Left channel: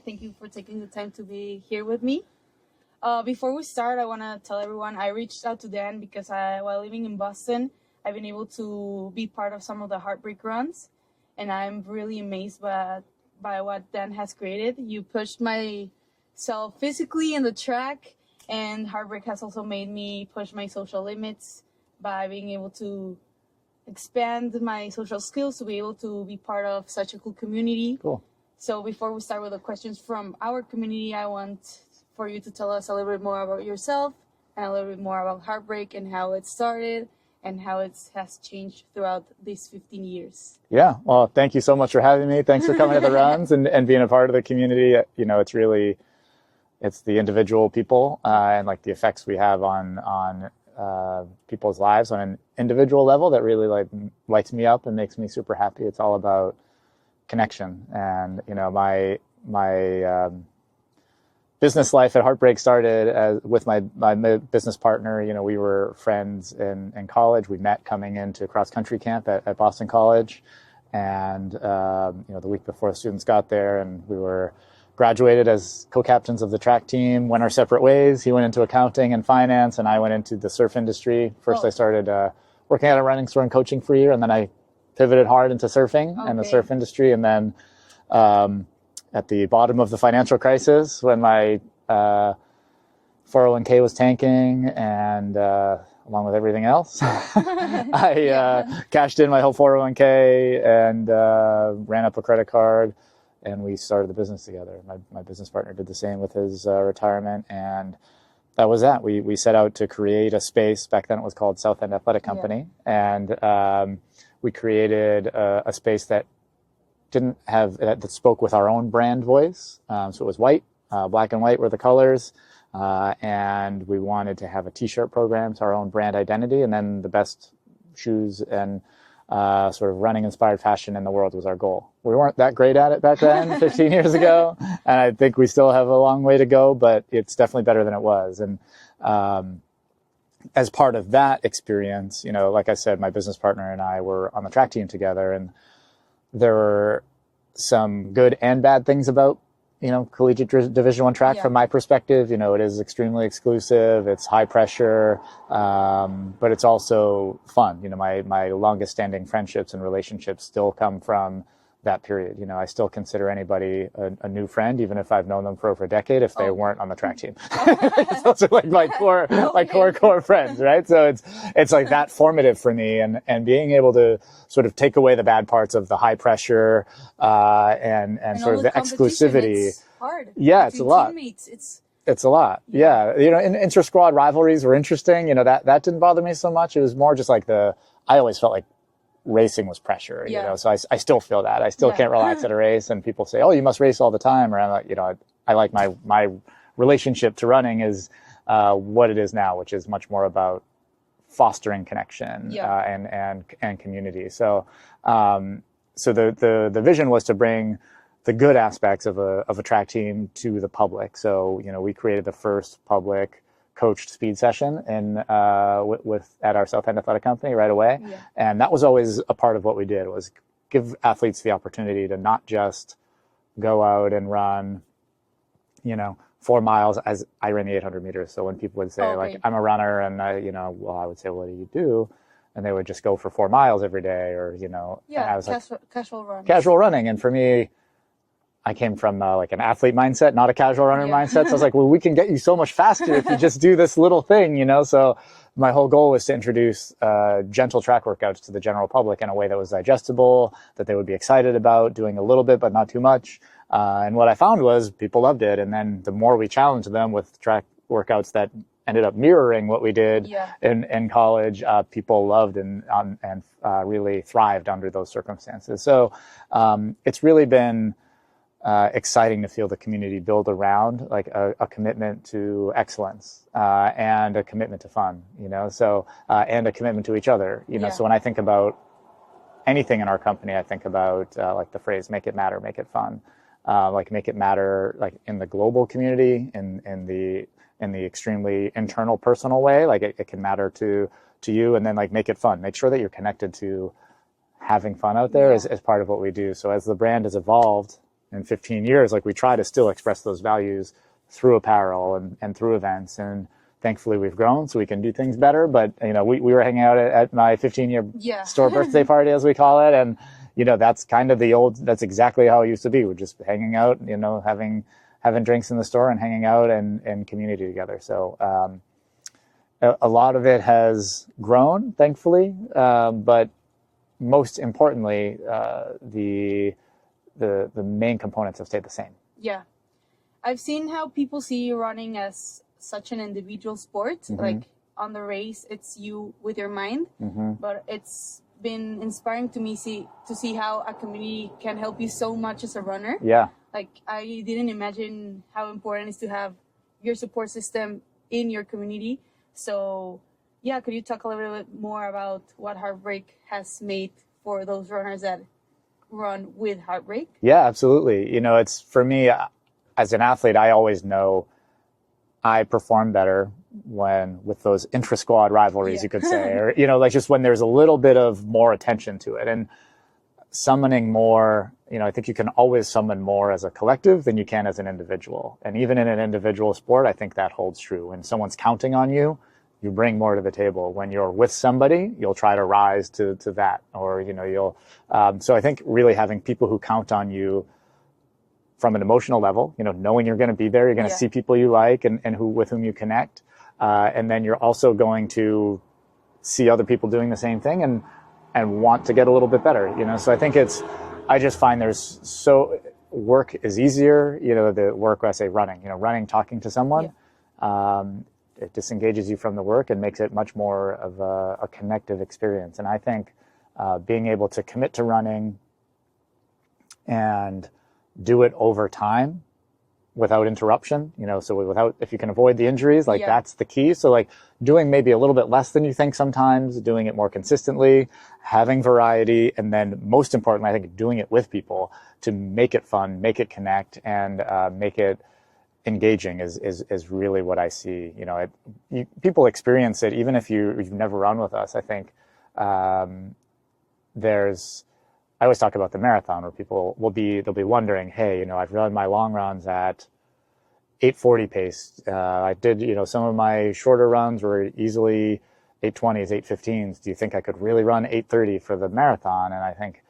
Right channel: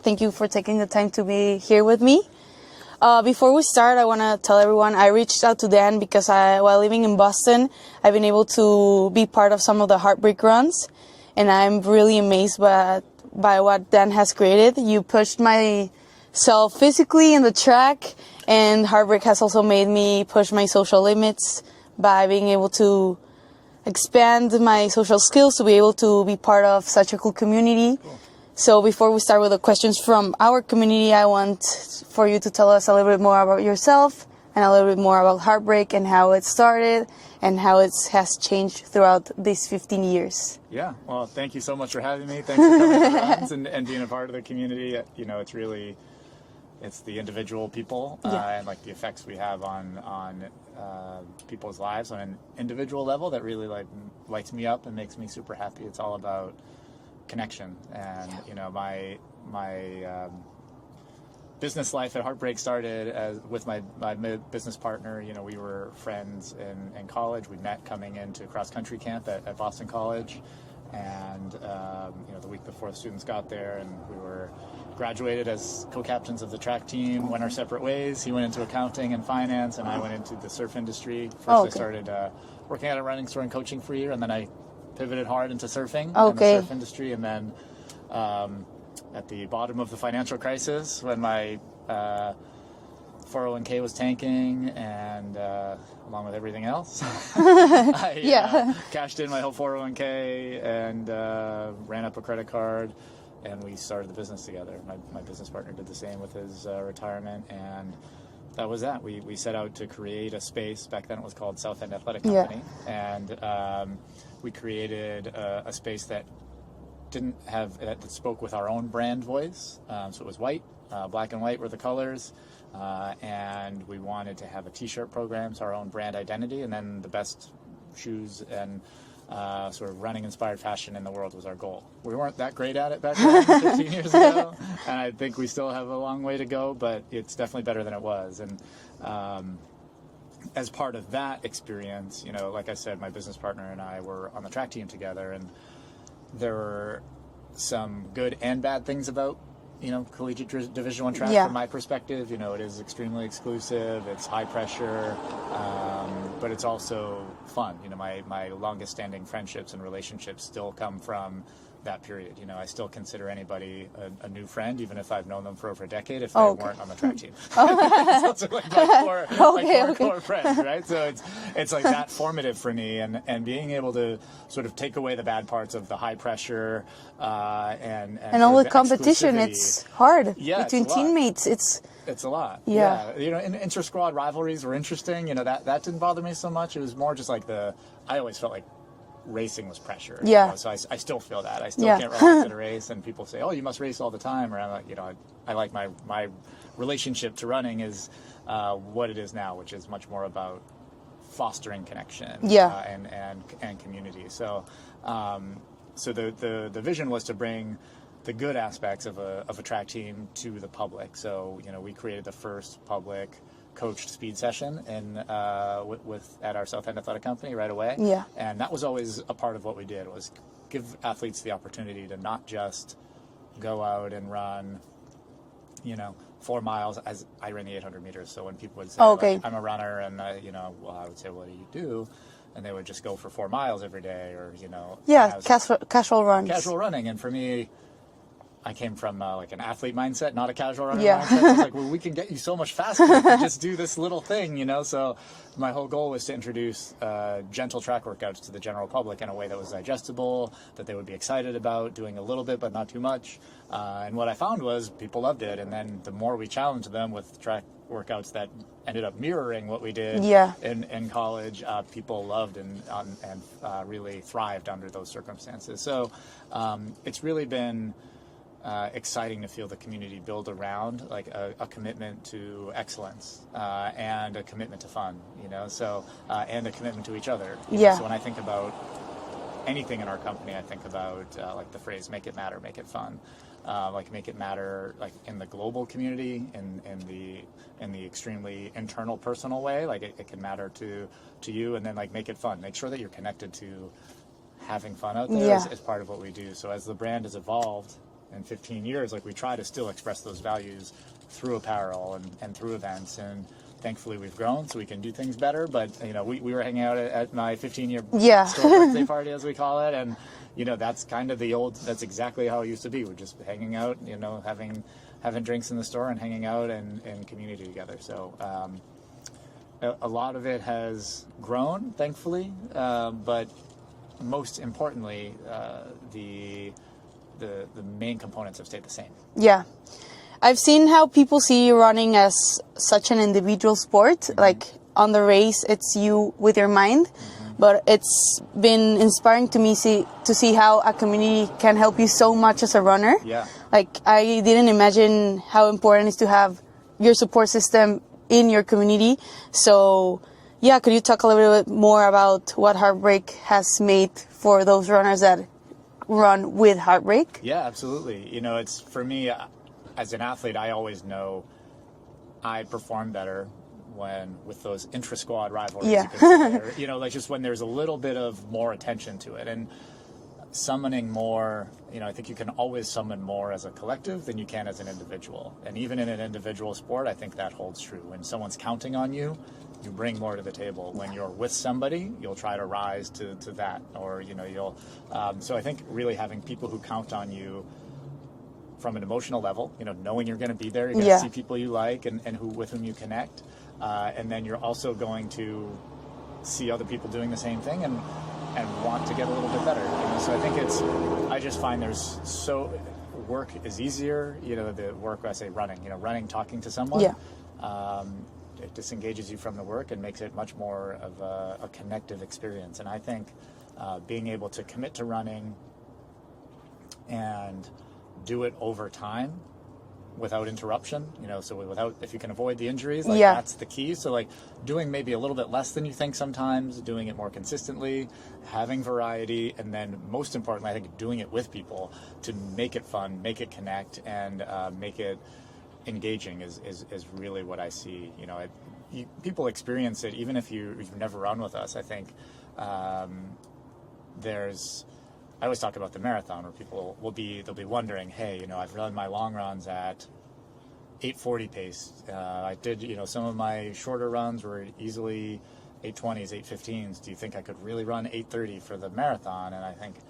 Thank you for taking the time to be here with me. Before we start, I want to tell everyone I reached out to Dan because while living in Boston, I've been able to be part of some of the Heartbreak runs, and I'm really amazed by what Dan has created. You pushed myself physically in the track, and Heartbreak has also made me push my social limits by being able to expand my social skills to be able to be part of such a cool community. Cool. So before we start with the questions from our community, I want for you to tell us a little bit more about yourself and a little bit more about Heartbreak and how it started and how it has changed throughout these 15 years. Yeah, well, thank you so much for having me. Thanks for coming to the runs and being a part of the community. You know, it's the individual people and like the effects we have on people's lives on an individual level that really lights me up and makes me super happy. It's all about connection. And you know, my business life at Heartbreak started with my business partner. You know, we were friends in college. We met coming into cross country camp at Boston College, and you know, the week before the students got there, and we were graduated as co-captains of the track team, went our separate ways. He went into accounting and finance, and I went into the surf industry. First, I started working at a running store and coaching for a year, and then I pivoted hard into surfing and the surf industry. And then at the bottom of the financial crisis, when my 401k was tanking and along with everything else, I cashed in my whole 401k and ran up a credit card, and we started the business together. My business partner did the same with his retirement, and that was that. We set out to create a space. Back then it was called South End Athletic Company, and we created a space that that spoke with our own brand voice. So it was white, black and white were the colors, and we wanted to have a t-shirt program, so our own brand identity, and then the best shoes and sort of running inspired fashion in the world was our goal. We weren't that great at it back then, 15 years ago, and I think we still have a long way to go, but it's definitely better than it was. And as part of that experience, you know, like I said, my business partner and I were on the track team together, and there were some good and bad things about, you know, collegiate Division I track from my perspective. You know, it is extremely exclusive, it's high pressure, but it's also fun. You know, my longest standing friendships and relationships still come from that period. You know, I still consider anybody a new friend, even if I've known them for over a decade, if they weren't on the track team. Those are like my core friends, right? So it's like that formative for me, and being able to sort of take away the bad parts of the high pressure and sort all of the competition. exclusivity. It's hard. Yeah, between it's a lot. teammates. It's a lot. Yeah. You know, inter-squad rivalries were interesting. You know, that didn't bother me so much. It was more just like I always felt like racing was pressure. You know? So I still feel that. I still can't relax at a race, and people say, oh, you must race all the time. Or I'm like, you know, I like my relationship to running is what it is now, which is much more about fostering connection and community. So the vision was to bring the good aspects of a track team to the public. So, you know, we created the first public coached speed session at our South End Athletic Company right away. Yeah. And that was always a part of what we did, was give athletes the opportunity to not just go out and run, you know, 4 miles, as I ran the 800 meters. So when people would say, like, I'm a runner, and I would say, what do you do? And they would just go for 4 miles every day, or, you know. Casual runs. Casual running. And for me, I came from like an athlete mindset, not a casual runner mindset. So I was like, well, we can get you so much faster if you just do this little thing, you know? So my whole goal was to introduce gentle track workouts to the general public in a way that was digestible, that they would be excited about, doing a little bit, but not too much. And what I found was people loved it. And then the more we challenged them with track workouts that ended up mirroring what we did in college, people loved and really thrived under those circumstances. So it's really been exciting to feel the community build around like a commitment to excellence and a commitment to fun, you know, so and a commitment to each other, you know. So when I think about anything in our company, I think about like the phrase "make it matter, make it fun," like make it matter, like in the global community, in the extremely internal, personal way, like it can matter to you, and then like make it fun, make sure that you're connected to having fun out there as part of what we do. So as the brand has evolved, in 15 years, like we try to still express those values through apparel and through events. And thankfully we've grown so we can do things better. But, you know, we were hanging out at my 15-year store birthday party, as we call it. And, you know, that's kind of that's exactly how it used to be. We're just hanging out, you know, having drinks in the store and hanging out and community together. So a lot of it has grown, thankfully. But most importantly, the main components have stayed the same. Yeah. I've seen how people see running as such an individual sport. Like on the race, it's you with your mind. But it's been inspiring to me to see how a community can help you so much as a runner. Yeah. Like I didn't imagine how important it is to have your support system in your community. So yeah, could you talk a little bit more about what Heartbreak has made for those runners that run with Heartbreak? Yeah, absolutely. You know, it's for me, as an athlete, I always know I perform better with those intra-squad rivalries, you could say, or, you know, like just when there's a little bit of more attention to it. And summoning more, you know, I think you can always summon more as a collective than you can as an individual. And even in an individual sport, I think that holds true. When someone's counting on you, you bring more to the table. When you're with somebody, you'll try to rise to that, or, you know, so I think really having people who count on you from an emotional level, you know, knowing you're going to be there, you're going to see people you like and with whom you connect. And then you're also going to see other people doing the same thing and want to get a little bit better, you know? So I think I just find work is easier, you know, the work, I say running, you know, talking to someone, it disengages you from the work and makes it much more of a connective experience. And I think being able to commit to running and do it over time without interruption, you know, so if you can avoid the injuries, like that's the key. So like doing maybe a little bit less than you think sometimes, doing it more consistently, having variety, and then most importantly, I think doing it with people to make it fun, make it connect, and make it engaging is really what I see. You know, people experience it even if you've never run with us. I think I always talk about the marathon where people they'll be wondering, hey, you know, I've run my long runs at 8:40 pace. I did, you know, some of my shorter runs were easily 8:20s, 8:15s. Do you think I could really run 8:30 for the marathon? And I think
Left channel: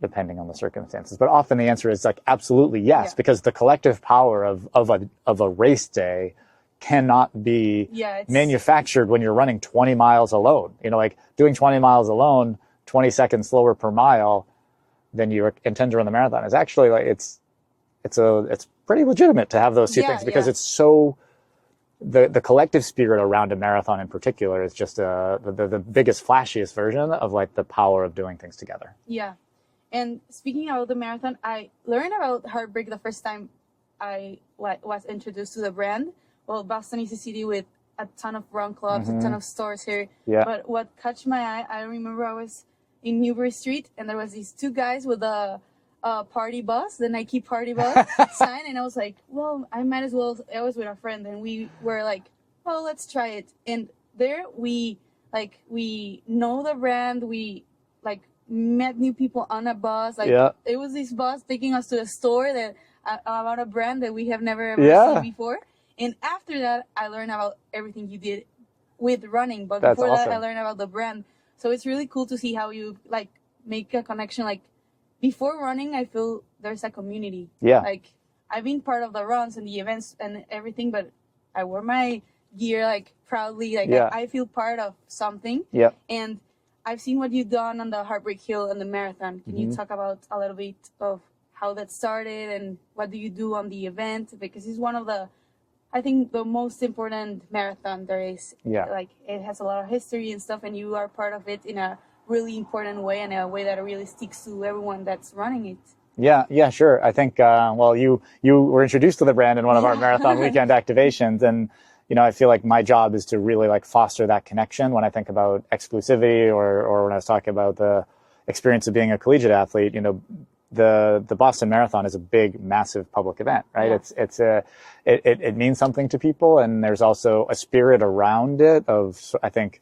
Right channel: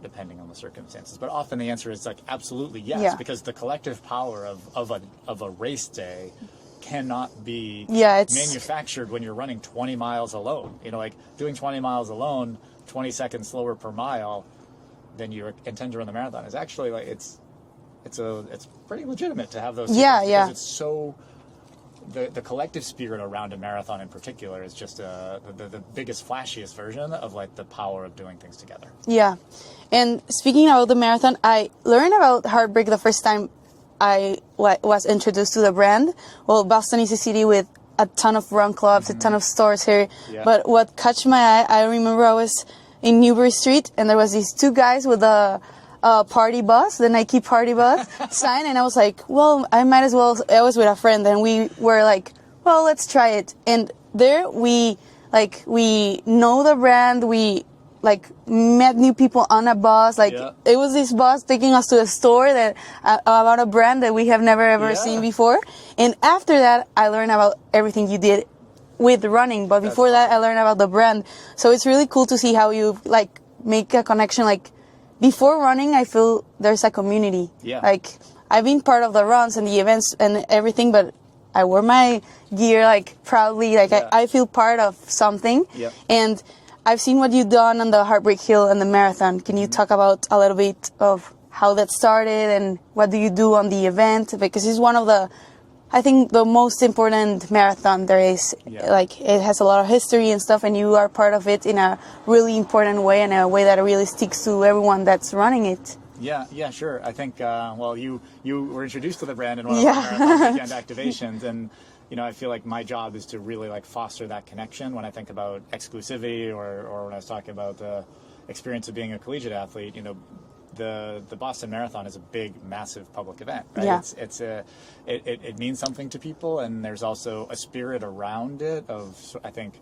depending on the circumstances, but often the answer is like absolutely yes, because the collective power of a race day cannot be manufactured when you're running 20 miles alone. You know, like doing 20 miles alone, 20 seconds slower per mile than you intend to run the marathon is actually like it's pretty legitimate to have those two things, because it's so the collective spirit around a marathon in particular is just the biggest flashiest version of like the power of doing things together. Yeah. And speaking about the marathon, I learned about Heartbreak the first time I was introduced to the brand. Well, Boston is a city with a ton of run clubs, a ton of stores here. Yeah. But what caught my eye, I remember I was in Newbury Street, and there was these two guys with a party bus, the Nike party bus sign, and I was like, well, I might as well. I was with a friend, and we were like, well, let's try it. And there we know the brand, we met new people on a bus. It was this bus taking us to a store that about a brand that we have never ever seen before. And after that, I learned about everything you did with running. But before that, I learned about the brand. So it's really cool to see how you make a connection. Before running, I feel there's a community. Yeah. I've been part of the runs and the events and everything, but I wear my gear proudly. I feel part of something. Yeah. And I've seen what you've done on the Heartbreak Hill and the marathon. Can you talk about a little bit of how that started and what do you do on the event? Because it's one of I think the most important marathon there is. Yeah. It has a lot of history and stuff, and you are part of it in a really important way, and a way that really sticks to everyone that's running it. Yeah, sure. I think, you were introduced to the brand in one of our marathon weekend activations, and I feel like my job is to really foster that connection when I think about exclusivity or when I was talking about the experience of being a collegiate athlete. The Boston Marathon is a big, massive public event, right? Yeah. It means something to people, and there's also a spirit around it of, I think,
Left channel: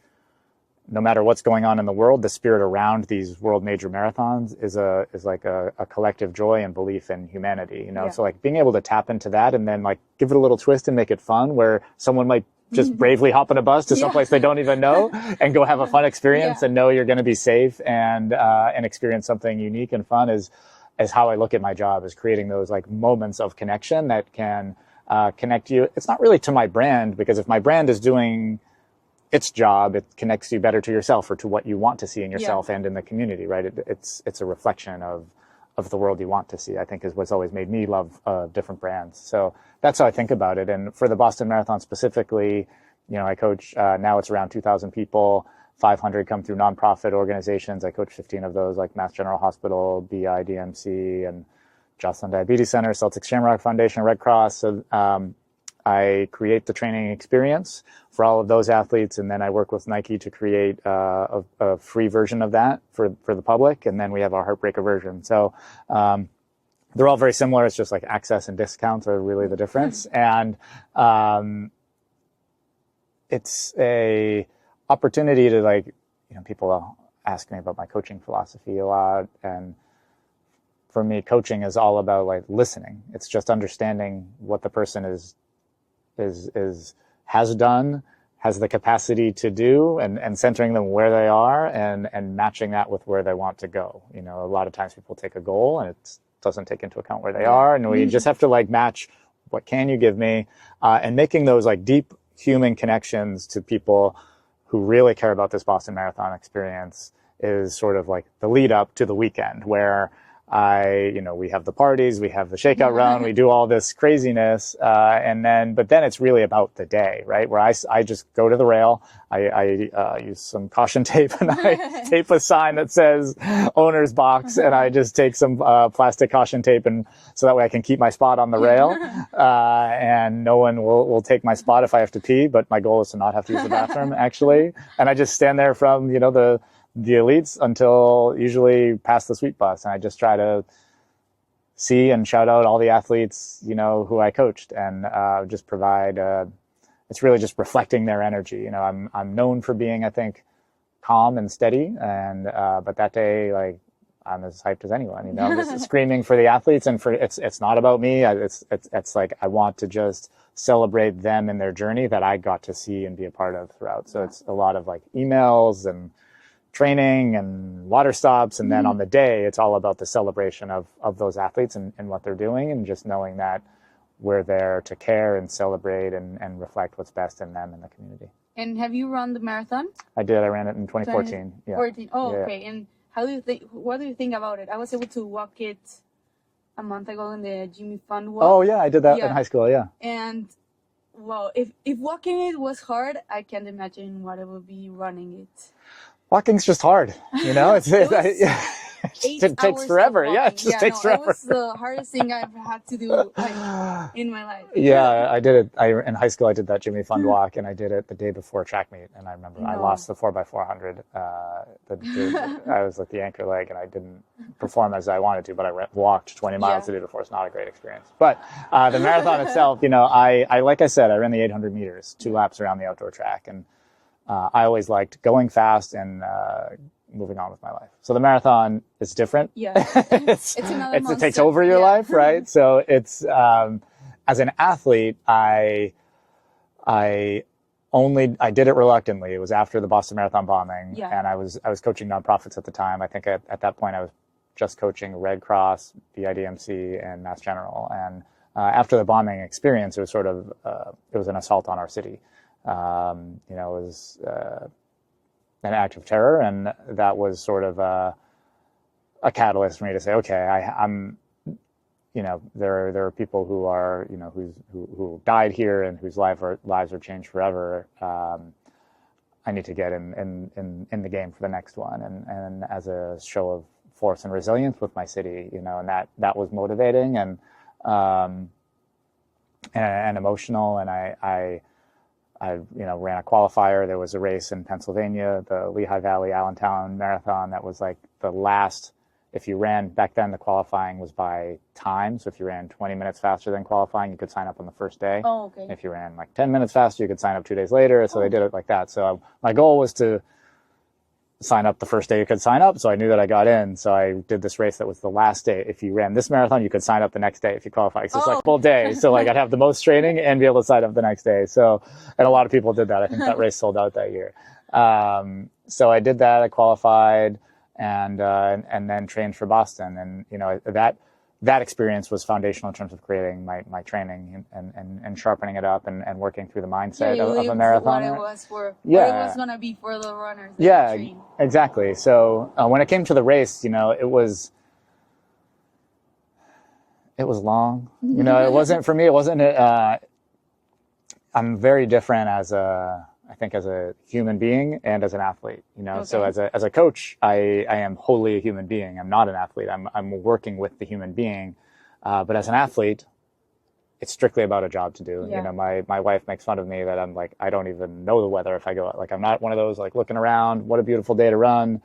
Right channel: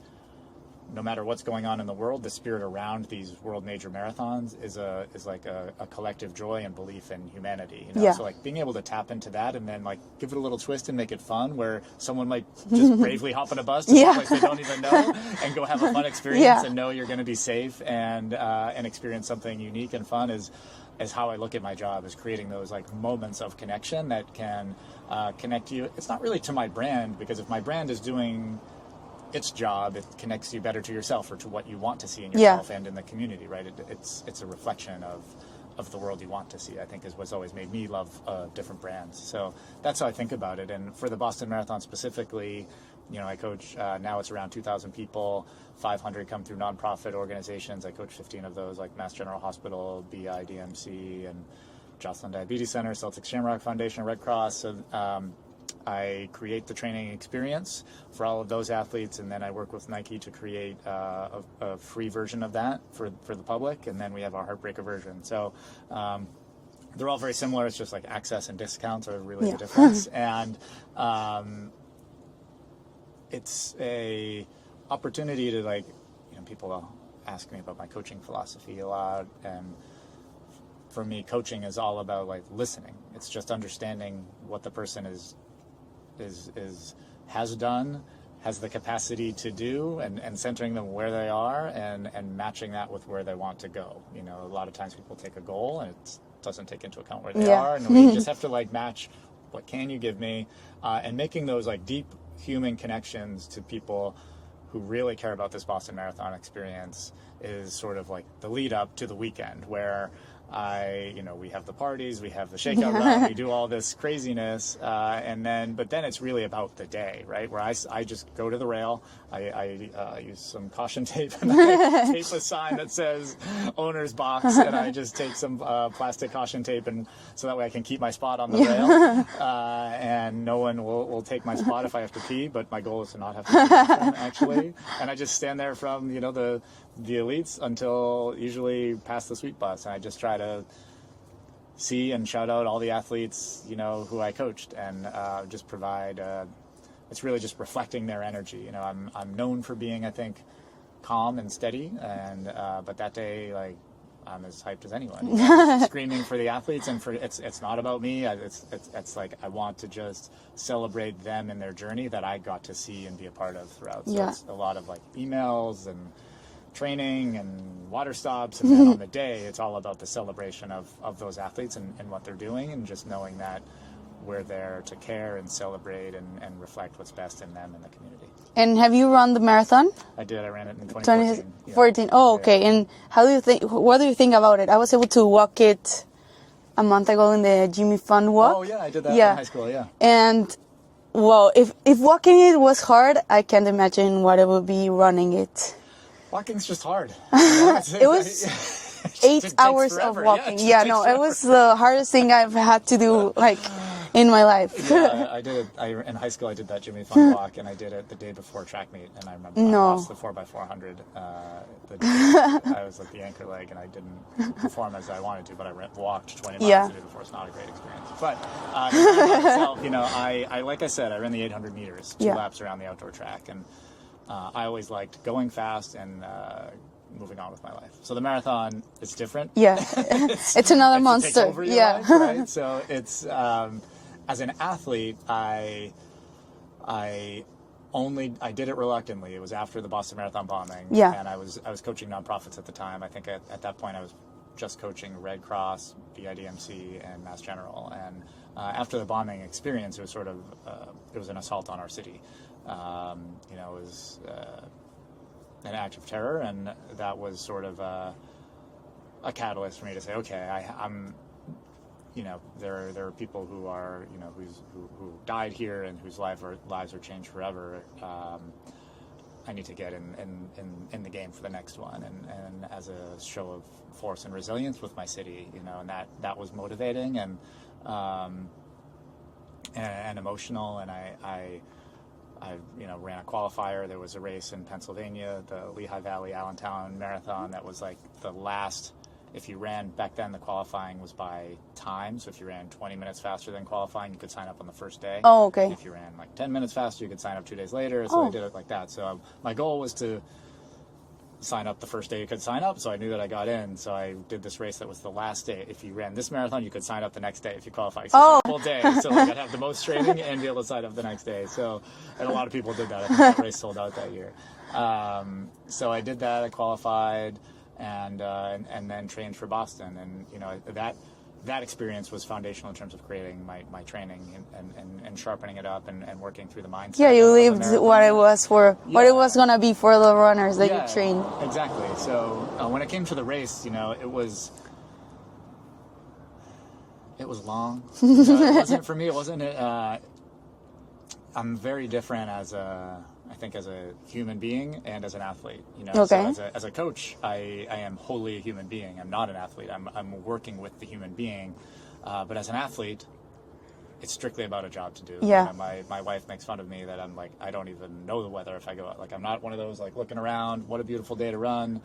no matter what's going on in the world, the spirit around these world major marathons is like a collective joy and belief in humanity, you know? Yeah. So like being able to tap into that and then like give it a little twist and make it fun, where someone might just bravely hop on a bus to someplace they don't even know and go have a fun experience and know you're going to be safe and experience something unique and fun is how I look at my job, is creating those like moments of connection that can connect you. It's not really to my brand, because if my brand is doing its job, it connects you better to yourself or to what you want to see in yourself and in the community, right? It's a reflection of the world you want to see, I think, is what's always made me love different brands. So that's how I think about it. And for the Boston Marathon specifically, you know, I coach, now it's around 2,000 people, 500 come through nonprofit organizations. I coach 15 of those, like Mass General Hospital, BI, DMC, and Jocelyn Diabetes Center, Celtic Shamrock Foundation, Red Cross. So I create the training experience for all of those athletes, and then I work with Nike to create a free version of that for the public, and then we have our Heartbreaker version. So they're all very similar. It's just like access and discounts are really the difference. And it's a opportunity to, like, you know, people ask me about my coaching philosophy a lot, and for me, coaching is all about like listening. It's just understanding what the person has done, has the capacity to do, and centering them where they are and matching that with where they want to go. You know, a lot of times people take a goal and it doesn't take into account where they are, and we just have to like match what can you give me, and making those like deep human connections to people who really care about this Boston Marathon experience is sort of like the lead up to the weekend, where we have the parties, we have the shakeout run, we do all this craziness, but then it's really about the day, right? Where I just go to the rail, I use some caution tape, and I tape a sign that says owner's box, and I just take some plastic caution tape, and so that way I can keep my spot on the rail, and no one will take my spot if I have to pee, but my goal is to not have to use the bathroom, actually. And I just stand there from, you know, the elites until usually past the sweet bus, and I just try to see and shout out all the athletes, you know, who I coached, and just provide it's really just reflecting their energy. You know, I'm known for being, I think, calm and steady, and but that day, like, I'm as hyped as anyone, you know, just screaming for the athletes, and it's not about me. It's like I want to just celebrate them and their journey that I got to see and be a part of throughout. So it's a lot of like emails and training and water stops, and then on the day it's all about the celebration of those athletes and what they're doing, and just knowing that we're there to care and celebrate and reflect what's best in them and the community. And have you run the marathon? I did. I ran it in 2014. 2014. Oh, okay. And what do you think about it? I was able to walk it a month ago in the Jimmy Fund walk. Oh yeah, I did that in high school. Yeah. And well, if walking it was hard, I can't imagine what it would be running it. Walking's just hard, you know. It was 8 hours forever. of walking. Forever. It was the hardest thing I've had to do, like, in my life. Yeah, I did it. In high school, I did that Jimmy Fund walk, and I did it the day before track meet. And I remember I lost the 4x400. I was like the anchor leg, and I didn't perform as I wanted to, but I walked 20 miles the day before. It's not a great experience. But the marathon itself, you know, I like I said, I ran the 800 meters, 2 laps around the outdoor track, and I always liked going fast and moving on with my life. So the marathon is different. Yeah, it's another monster. It takes over your life, right? So it's as an athlete, I did it reluctantly. It was after the Boston Marathon bombing, and I was coaching nonprofits at the time. I think at that point I was just coaching Red Cross, BIDMC, and Mass General. And after the bombing experience, it was sort of it was an assault on our city. You know, it was an act of terror, and that was sort of a catalyst for me to say, okay, I'm, you know, there are people who are, you know, who died here and whose lives are changed forever. I need to get in the game for the next one, and as a show of force and resilience with my city, you know, and that was motivating and emotional, and I you know, ran a qualifier. There was a race in Pennsylvania, the Lehigh Valley Allentown Marathon. That was like the last, if you ran, back then the qualifying was by time. So if you ran 20 minutes faster than qualifying, you could sign up on the first day. Oh, okay. If you ran like 10 minutes faster, you could sign up 2 days later. So they did it like that. So my goal was to sign up the first day you could sign up. So I knew that I got in. So I did this race that was the last day. If you ran this marathon, you could sign up the next day if you qualified. So it's like full day. So like I'd have the most training and be able to sign up the next day. So, and a lot of people did that. I think that race sold out that year. So I did that. I qualified and then trained for Boston. And, you know, that experience was foundational in terms of creating my training and sharpening it up and working through the mindset. Yeah, you lived what it was for, what it was going to be for the runners that you trained. Exactly. So when it came to the race, you know, it was long. You know, it wasn't for me. It wasn't. I'm very different as a human being and as an athlete, you know. So as a coach, I am wholly a human being. I'm not an athlete. I'm working with the human being. But as an athlete, it's strictly about a job to do. Yeah. You know, my wife makes fun of me that I'm like, I don't even know the weather if I go out. Like, I'm not one of those like looking around, what a beautiful day to run.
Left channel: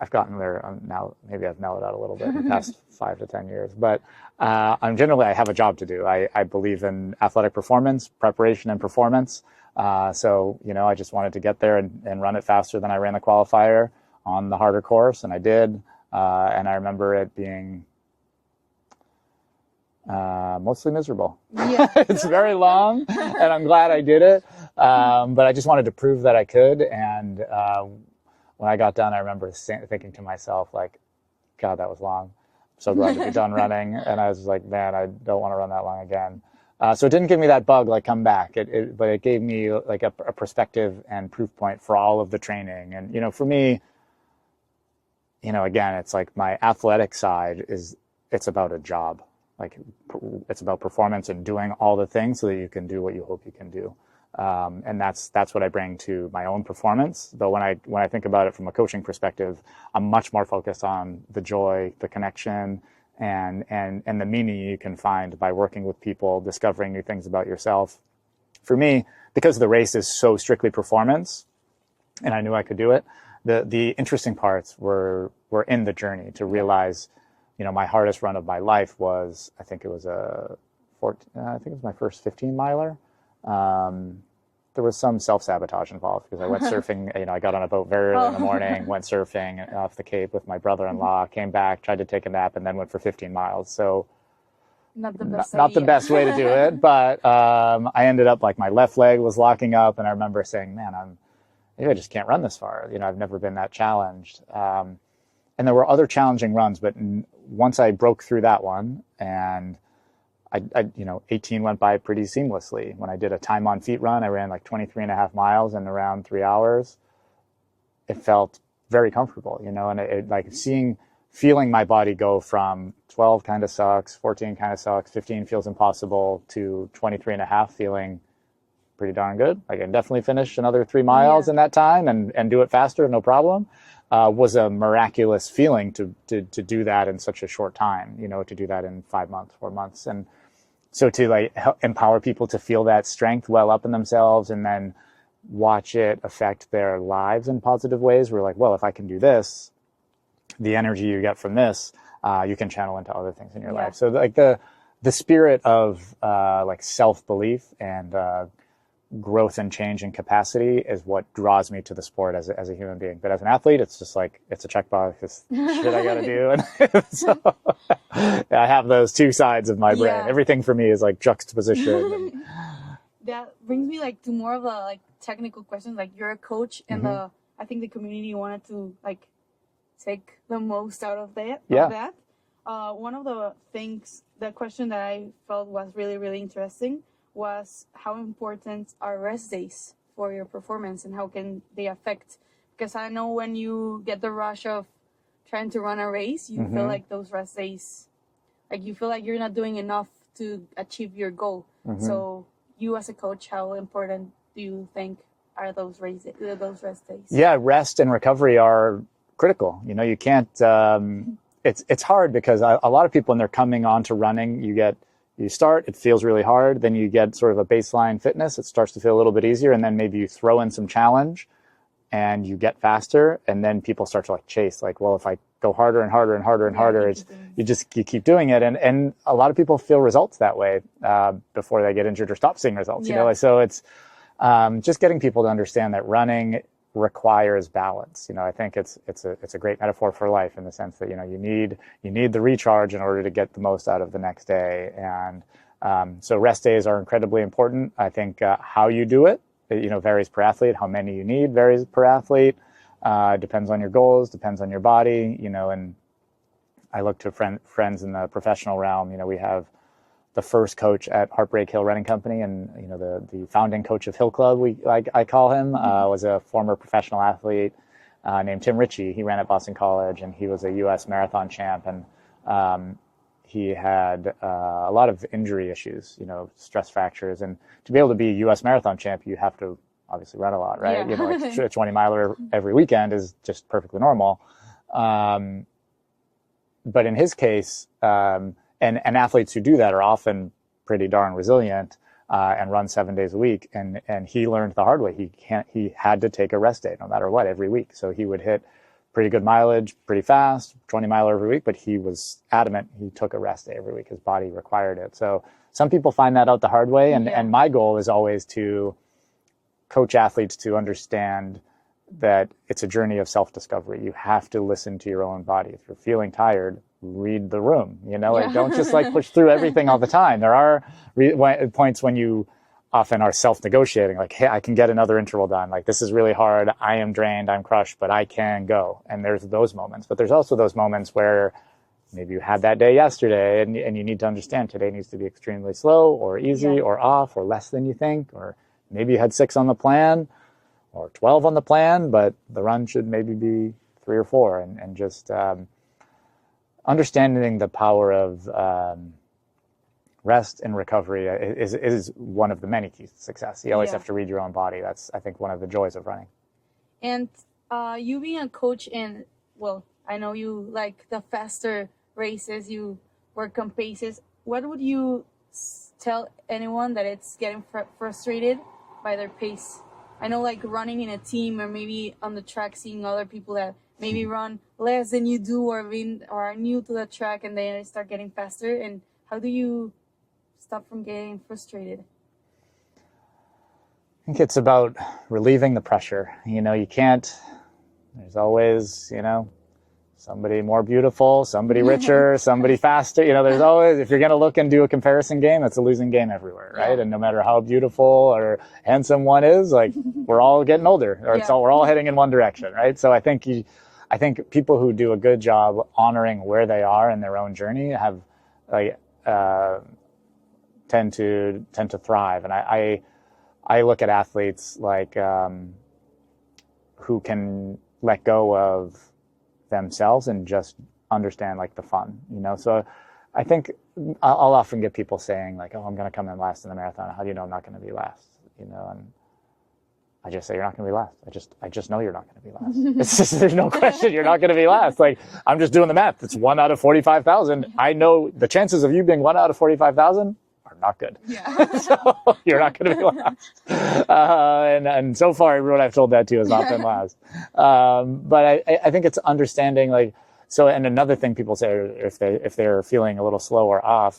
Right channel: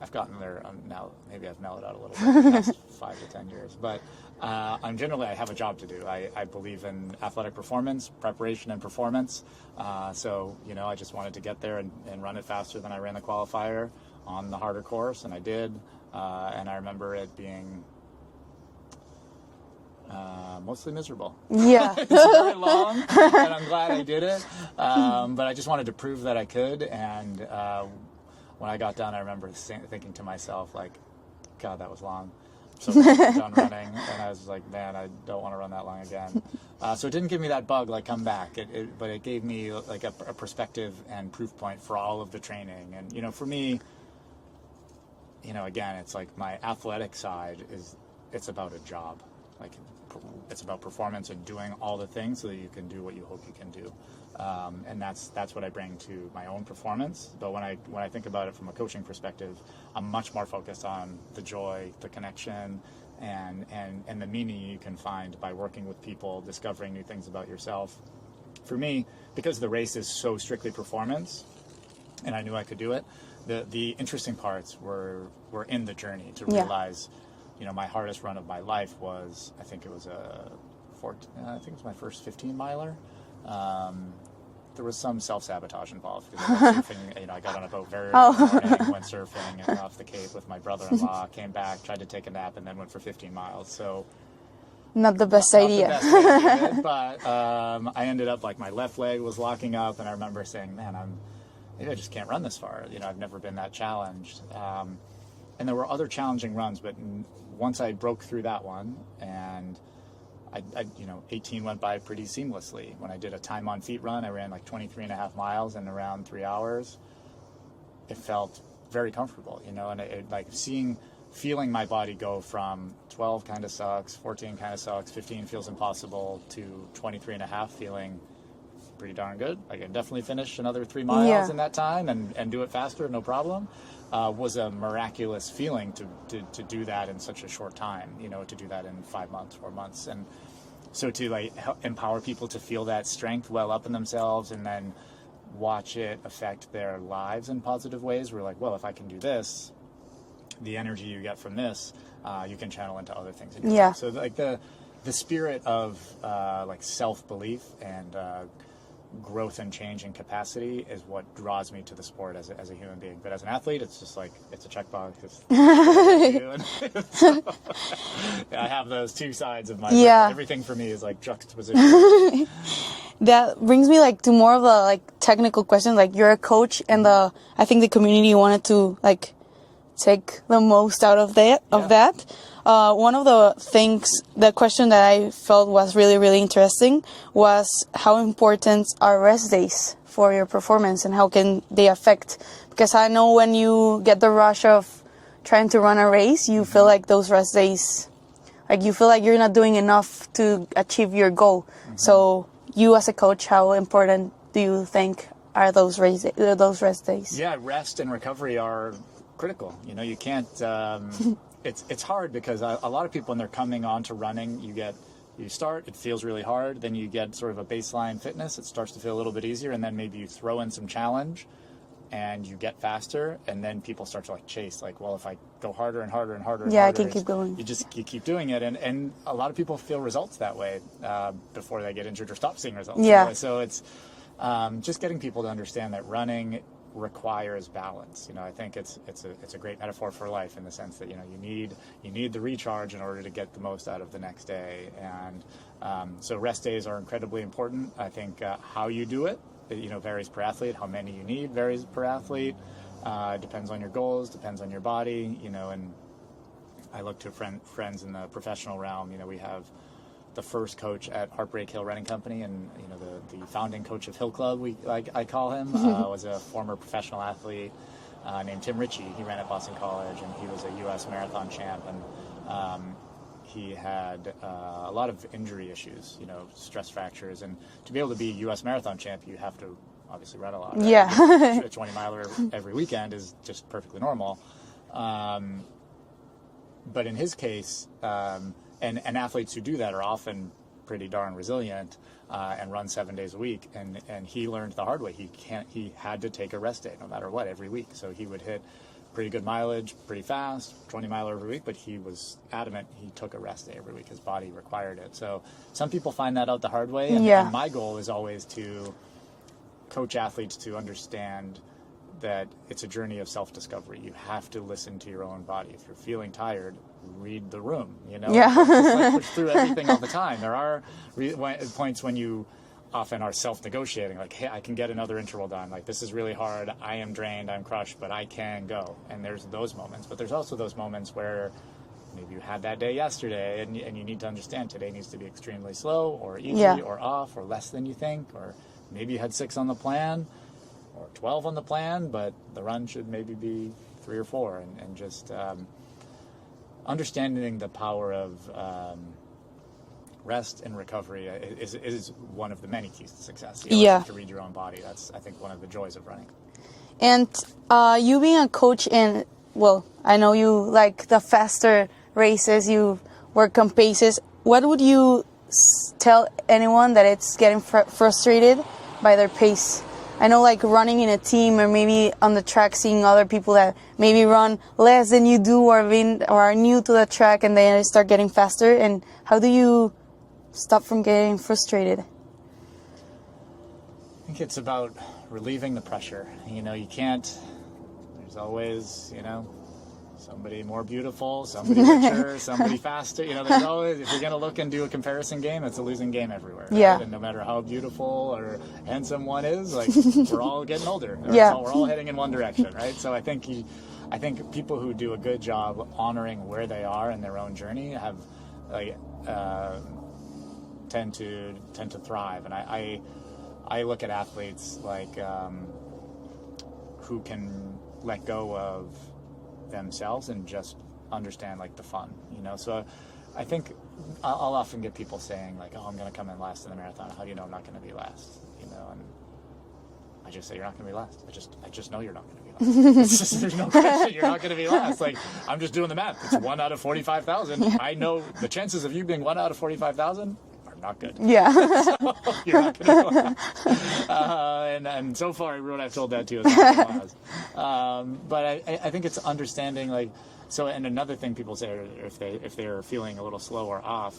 I've gotten there now. Maybe I've mellowed out a little bit in the past 5 to 10 years, but I'm generally, I have a job to do. I believe in athletic performance, preparation and performance. So, you know, I just wanted to get there and run it faster than I ran the qualifier on the harder course. And I did. And I remember it being mostly miserable. Yeah. It's very long and I'm glad I did it. But I just wanted to prove that I could. And when I got done, I remember thinking to myself, like, God, that was long. I'm so glad we're done running. And I was like, man, I don't want to run that long again. So it didn't give me that bug, like, come back. But it gave me like a perspective and proof point for all of the training. And, you know, for me, you know, again, it's like my athletic side it's about a job. Like, it's about performance and doing all the things so that you can do what you hope you can do. And that's what I bring to my own performance. But when I think about it from a coaching perspective, I'm much more focused on the joy, the connection, and the meaning you can find by working with people, discovering new things about yourself. For me, because the race is so strictly performance, and I knew I could do it, the interesting parts were in the journey to realize, you know, my hardest run of my life was, I think it was my first 15 miler. There was some self-sabotage involved because I went surfing, you know, I got on a boat very early in the morning, went surfing off the Cape with my brother-in-law, came back, tried to take a nap, and then went for 15 miles. So not the best idea. Not the best way to do it, but I ended up, like, my left leg was locking up, and I remember saying, man, maybe I just can't run this far. You know, I've never been that challenged. And there were other challenging runs, but once I broke through that one, and I, you know, 18 went by pretty seamlessly. When I did a time on feet run, I ran like 23.5 miles in around 3 hours. It felt very comfortable, you know, and it like feeling my body go from 12 kind of sucks, 14 kind of sucks, 15 feels impossible, to 23.5 feeling pretty darn good. I can definitely finish another 3 miles in that time and do it faster, no problem. Was a miraculous feeling to do that in such a short time, you know, to do that in 5 months, 4 months. And so to like empower people to feel that strength well up in themselves and then watch it affect their lives in positive ways. We're like, well, if I can do this, the energy you get from this, you can channel into other things in your life. So like the spirit of like self-belief and growth and change and capacity is what draws me to the sport as a human being. But as an athlete, it's just like, it's a checkbox. It's what I do. And so, I have those two sides of my brain. Everything for me is like juxtaposition. That brings me like to more of a like technical question. Like, you're a coach, and I think the community wanted to like take the most out of that. One of the question that I felt was really, really interesting was how important are rest days for your performance and how can they affect? Because I know when you get the rush of trying to run a race, you feel like those rest days, like you feel like you're not doing enough to achieve your goal. So you as a coach, how important do you think are those rest days? Yeah, rest and recovery are critical. You know, you can't... It's hard because a lot of people, when they're coming on to running, you start, it feels really hard. Then you get sort of a baseline fitness. It starts to feel a little bit easier. And then maybe you throw in some challenge and you get faster. And then people start to like chase, like, well, if I go harder and harder and harder and harder, you keep doing it. And a lot of people feel results that way before they get injured or stop seeing results. You know? So it's just getting people to understand that running requires balance. You know, I think it's a great metaphor for life in the sense that, you know, you need the recharge in order to get the most out of the next day. And so rest days are incredibly important. I think how you do it, you know, varies per athlete. How many you need varies per athlete. Depends on your goals, depends on your body, you know. And I look to friends in the professional realm. You know, we have the first coach at Heartbreak Hill Running Company, and, you know, the founding coach of Hill Club, I call him, was a former professional athlete named Tim Ritchie. He ran at Boston College, and he was a U.S. marathon champ, and he had a lot of injury issues, you know, stress fractures, and to be able to be a U.S. marathon champ, you have to obviously run a lot, right? Yeah. You know, a 20-miler every weekend is just perfectly normal. But in his case, and athletes who do that are often pretty darn resilient and run 7 days a week. And he learned the hard way. He had to take a rest day no matter what every week. So he would hit pretty good mileage pretty fast, 20-miler every week, but he was adamant he took a rest day every week. His body required it. So some people find that out the hard way. And my goal is always to coach athletes to understand that it's a journey of self-discovery. You have to listen to your own body. If you're feeling tired, read the room, you know, and don't just like push through everything all the time. There are points when you often are self-negotiating, like, hey, I can get another interval done. Like, this is really hard. I am drained. I'm crushed, but I can go. And there's those moments. But there's also those moments where maybe you had that day yesterday and you need to understand today needs to be extremely slow or easy or off or less than you think, or maybe you had 6 on the plan or 12 on the plan, but the run should maybe be 3 or 4, and just understanding the power of rest and recovery is one of the many keys to success. You always have to read your own body. That's, I think, one of the joys of running. And you being a coach in, well, I know you like the faster races, you work on paces. What would you tell anyone that it's getting frustrated by their pace? I know, like, running in a team or maybe on the track, seeing other people that maybe run less than you do or are new to the track, and they start getting faster. And how do you stop from getting frustrated? I think it's about relieving the pressure. You know, you can't, there's always, you know, somebody more beautiful, somebody richer, somebody faster. You know, there's always, if you're going to look and do a comparison game, it's a losing game everywhere, right? And no matter how beautiful or handsome one is, like, we're all getting older, or we're all heading in one direction, right? So I think people who do a good job honoring where they are in their own journey have, like, tend to thrive. And I look at athletes like who can let go of themselves and just understand, like, the fun, you know. So I think I'll often get people saying, like, oh, I'm going to come in last in the marathon. How do you know I'm not going to be last? You know, and I just say, you're not going to be last. I just know you're not going to be last. It's just, there's no question you're not going to be last. Like, I'm just doing the math. It's 1 out of 45,000. I know the chances of you being 1 out of 45,000 are not good. So you're not going to be last. And so far, everyone I've told that to has not been last. But I think it's understanding, like, so, and another thing people say, if they're feeling a little slow or off,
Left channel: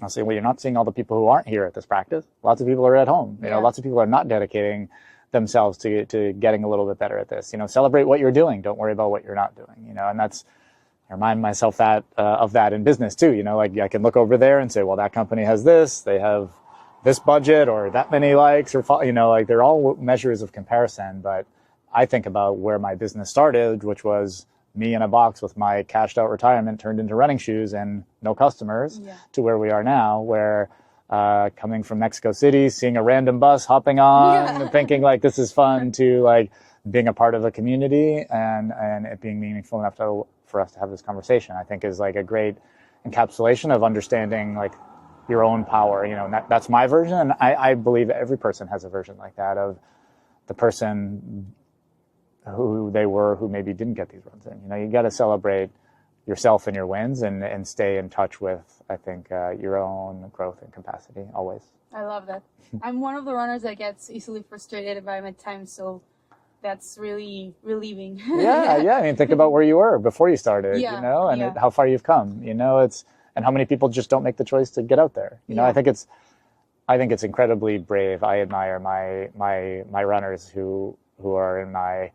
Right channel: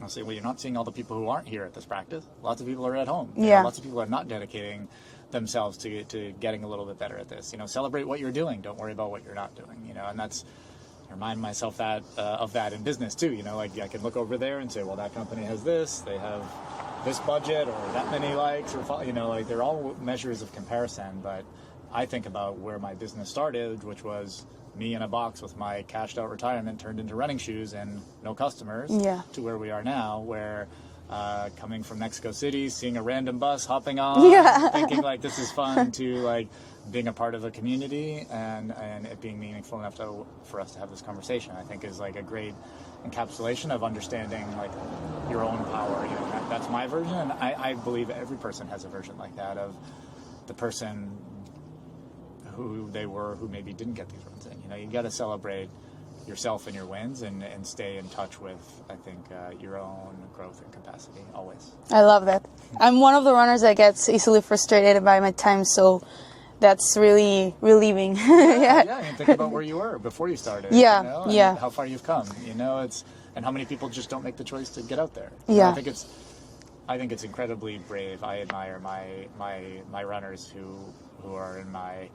I'll say, well, you're not seeing all the people who aren't here at this practice. Lots of people are at home. You know, lots of people are not dedicating themselves to getting a little bit better at this. You know, celebrate what you're doing. Don't worry about what you're not doing. You know, and that's, I remind myself that of that in business too. You know, like, I can look over there and say, well, that company has this, they have this budget or that many likes, or, you know, like, they're all measures of comparison. But I think about where my business started, which was me in a box with my cashed out retirement turned into running shoes and no customers, to where we are now, where coming from Mexico City, seeing a random bus, hopping on, thinking, like, this is fun, to, like, being a part of a community and it being meaningful enough for us to have this conversation, I think is, like, a great encapsulation of understanding, like, your own power. You know, that's my version. And I believe every person has a version like that, of the person who they were who maybe didn't get these runs in. You know, you got to celebrate yourself and your wins and stay in touch with, I think, your own growth and capacity always. I love that. I'm one of the runners that gets easily frustrated by my time, so that's really relieving. I mean, think about where you were before you started, you know, and how far you've come, you know, and how many people just don't make the choice to get out there. You know, I think it's incredibly brave. I admire my runners who who are in my,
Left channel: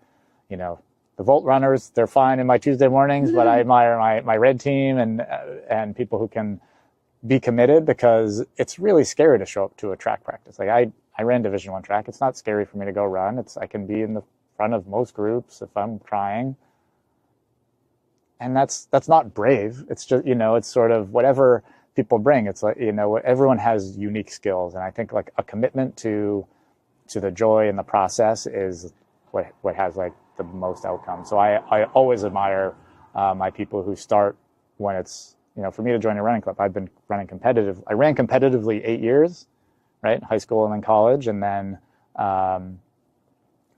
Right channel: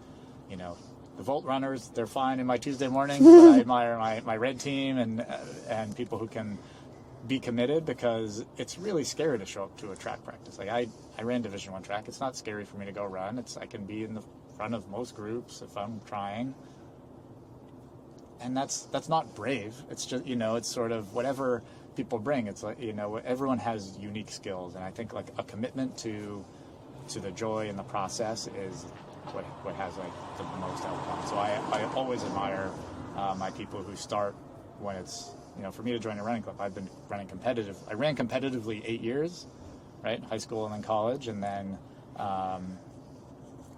the Volt runners, they're fine in my Tuesday mornings, but I admire my red team and people who can be committed, because it's really scary to show up to a track practice. Like I ran Division I track. It's not scary for me to go run. I can be in the front of most groups if I'm trying. And that's not brave. It's just, it's sort of whatever people bring. It's like, everyone has unique skills. And I think like a commitment to the joy in the process is what has like the most outcome. So I always admire my people who start when it's, for me to join a running club, I've been running competitive. I ran competitively 8 years, right? High school and then college, and then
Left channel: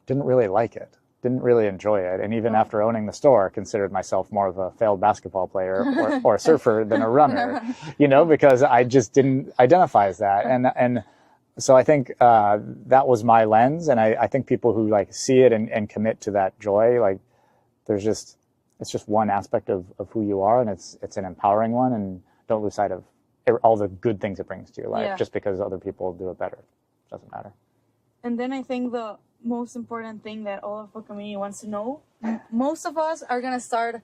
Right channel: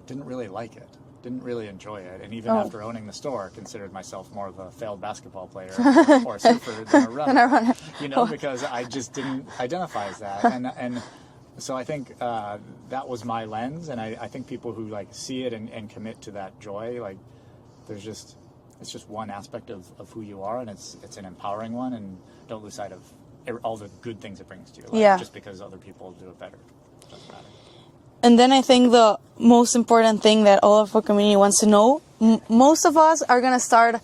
didn't really like it. Didn't really enjoy it. And even after owning the store, considered myself more of a failed basketball player or a surfer than a runner, because I just didn't identify as that. And so I think that was my lens. And I think people who like see it and commit to that joy, like it's just one aspect of who you are, and it's an empowering one, and don't lose sight of all the good things it brings to your life just because other people do it better. It doesn't matter. And then I think the most important thing that all of our community wants to know, most of us are going to start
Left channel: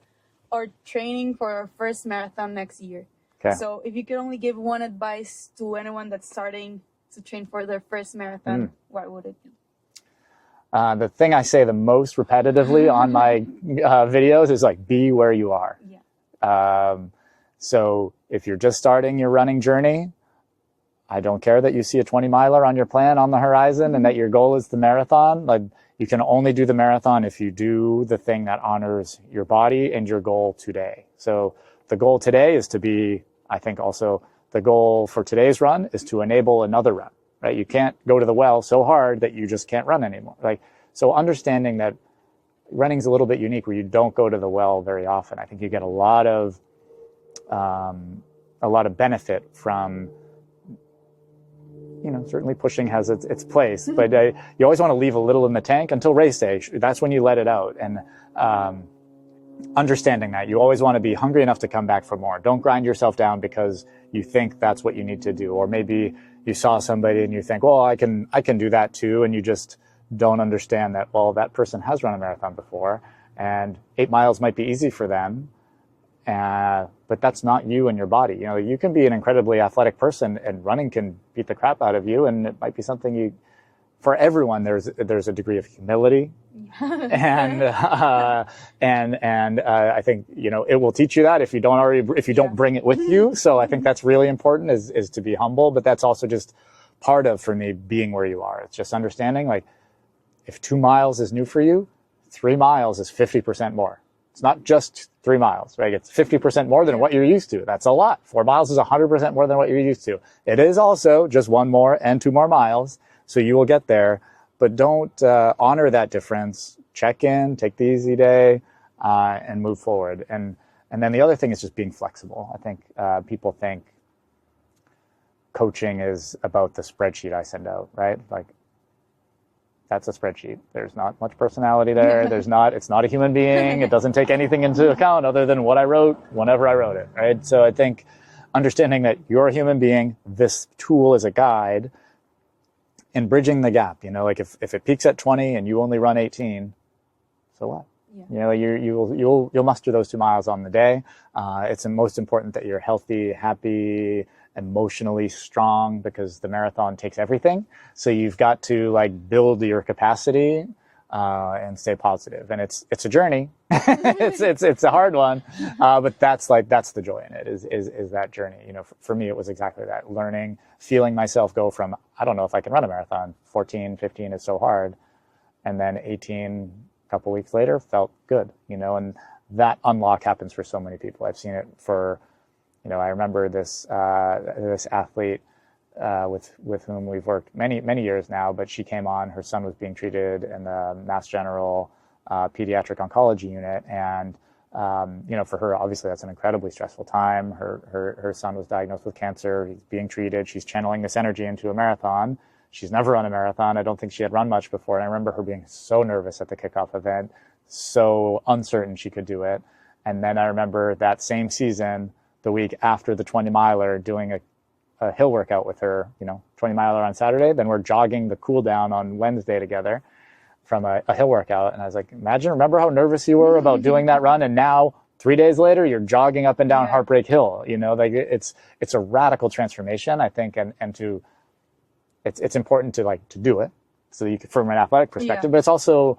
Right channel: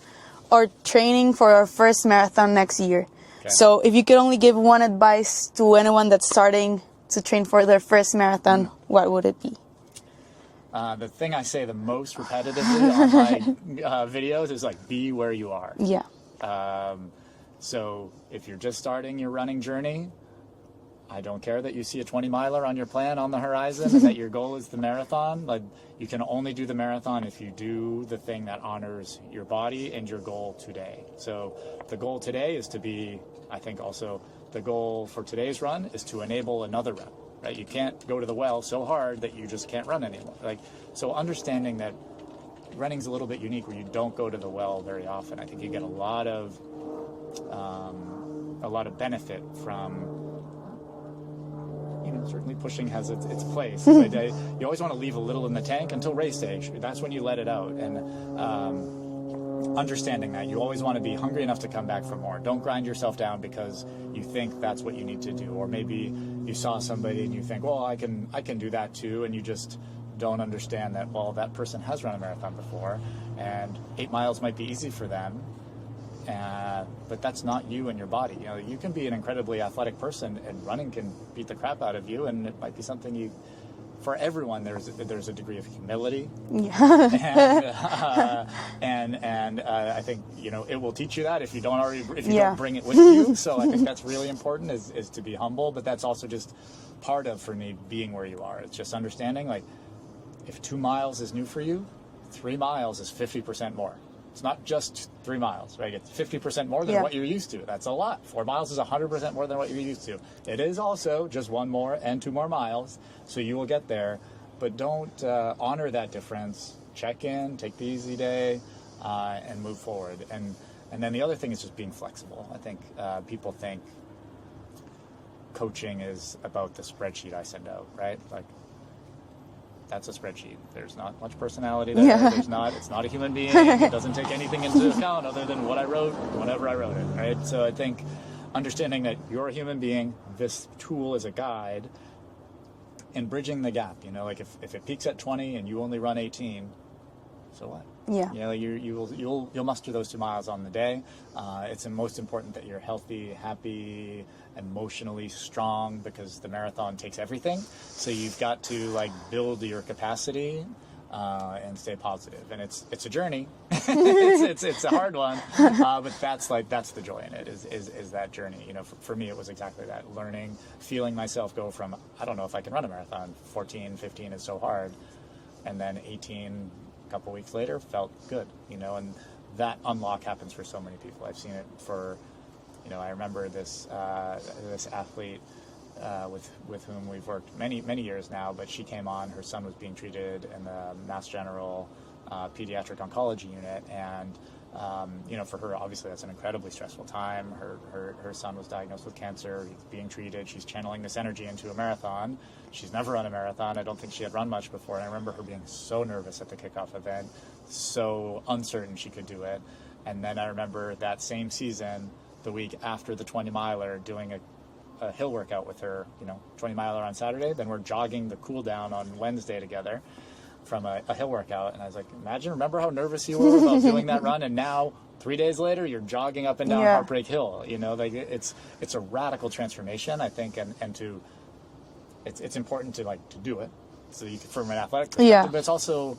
our training for our first marathon next year. Okay. So if you could only give one advice to anyone that's starting to train for their first marathon, what would it be? The thing I say the most repetitively on my videos is like, be where you are. Yeah. So if you're just starting your running journey, I don't care that you see a 20-miler on your plan on the horizon and that your goal is the marathon. Like, you can only do the marathon if you do the thing that honors your body and your goal today. So the goal today is to be, I think also the goal for today's run is to enable another run, right? You can't go to the well so hard that you just can't run anymore. So understanding that running's a little bit unique where you don't go to the well very often. I think you get a lot of benefit from, certainly pushing has its place, but you always want to leave a little in the tank until race day. That's when you let it out. And understanding that you always want to be hungry enough to come back for more. Don't grind yourself down because you think that's what you need to do. Or maybe you saw somebody and you think, well, I can do that too. And you just don't understand that, well, that person has run a marathon before and 8 miles might be easy for them. But that's not you and your body. You can be an incredibly athletic person and running can beat the crap out of you, and it might be something for everyone there's a degree of humility. Yeah. and I think it will teach you that if you don't bring it with you. So I think that's really important is to be humble, but that's also just part of, for me, being where you are. It's just understanding, like, if 2 miles is new for you, 3 miles is 50% more. It's not just 3 miles, right? It's 50% more than what you're used to. That's a lot. 4 miles is 100% more than what you're used to. It is also just 1 more and 2 more miles, so you will get there. But don't honor that difference. Check in, take the easy day, and move forward. And then the other thing is just being flexible. I think people think coaching is about the spreadsheet I send out, right? Like, that's a spreadsheet. There's not much personality there. It's not a human being. It doesn't take anything into account other than what I wrote whenever I wrote it, right? So I think understanding that you're a human being, this tool is a guide, and bridging the gap. Like if it peaks at 20 and you only run 18, so what? Yeah. You'll muster those 2 miles on the day. It's most important that you're healthy, happy, emotionally strong, because the marathon takes everything. So you've got to build your capacity and stay positive. And it's a journey. it's a hard one, but that's the joy in it is that journey. For me, it was exactly that, learning, feeling myself go from, I don't know if I can run a marathon, 14, 15 is so hard, and then 18 a couple weeks later felt good, and that unlock happens for so many people. I've seen it for, I remember this athlete with whom we've worked many years now, but she came on, her son was being treated in the Mass General pediatric oncology unit, and for her, obviously that's an incredibly stressful time. Her son was diagnosed with cancer, he's being treated, she's channeling this energy into a marathon. She's never run a marathon. I don't think she had run much before, and I remember her being so nervous at the kickoff event, so uncertain she could do it. And then I remember that same season, the week after the 20-miler, doing a hill workout with her, 20-miler on Saturday. Then we're jogging the cool down on Wednesday together. from a hill workout, and I was like, remember how nervous you were about doing that run, and now 3 days later you're jogging up and down Heartbreak Hill. You know, like it's a radical transformation, I think, and it's important to do it so you can, from an athletic perspective, but it's also,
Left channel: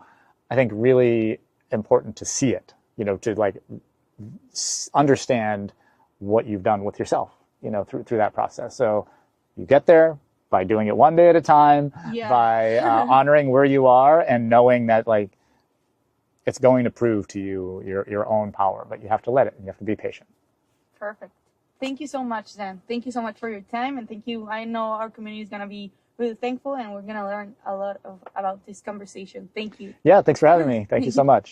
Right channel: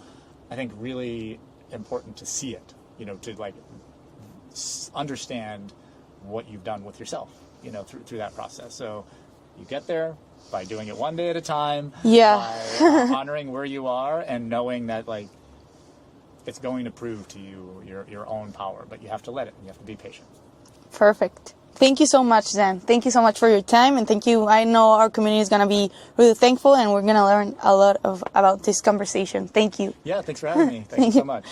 I think, really important to see it, you know, to like understand what you've done with yourself, you know, through that process. So you get there by doing it one day at a time, by honoring where you are and knowing that like it's going to prove to you your own power, but you have to let it, and you have to be patient. Perfect. Thank you so much, Dan. Thank you so much for your time, and thank you. I know our community is going to be really thankful, and we're going to learn a lot about this conversation. Thank you. Yeah, thanks for having me. Thank you so much.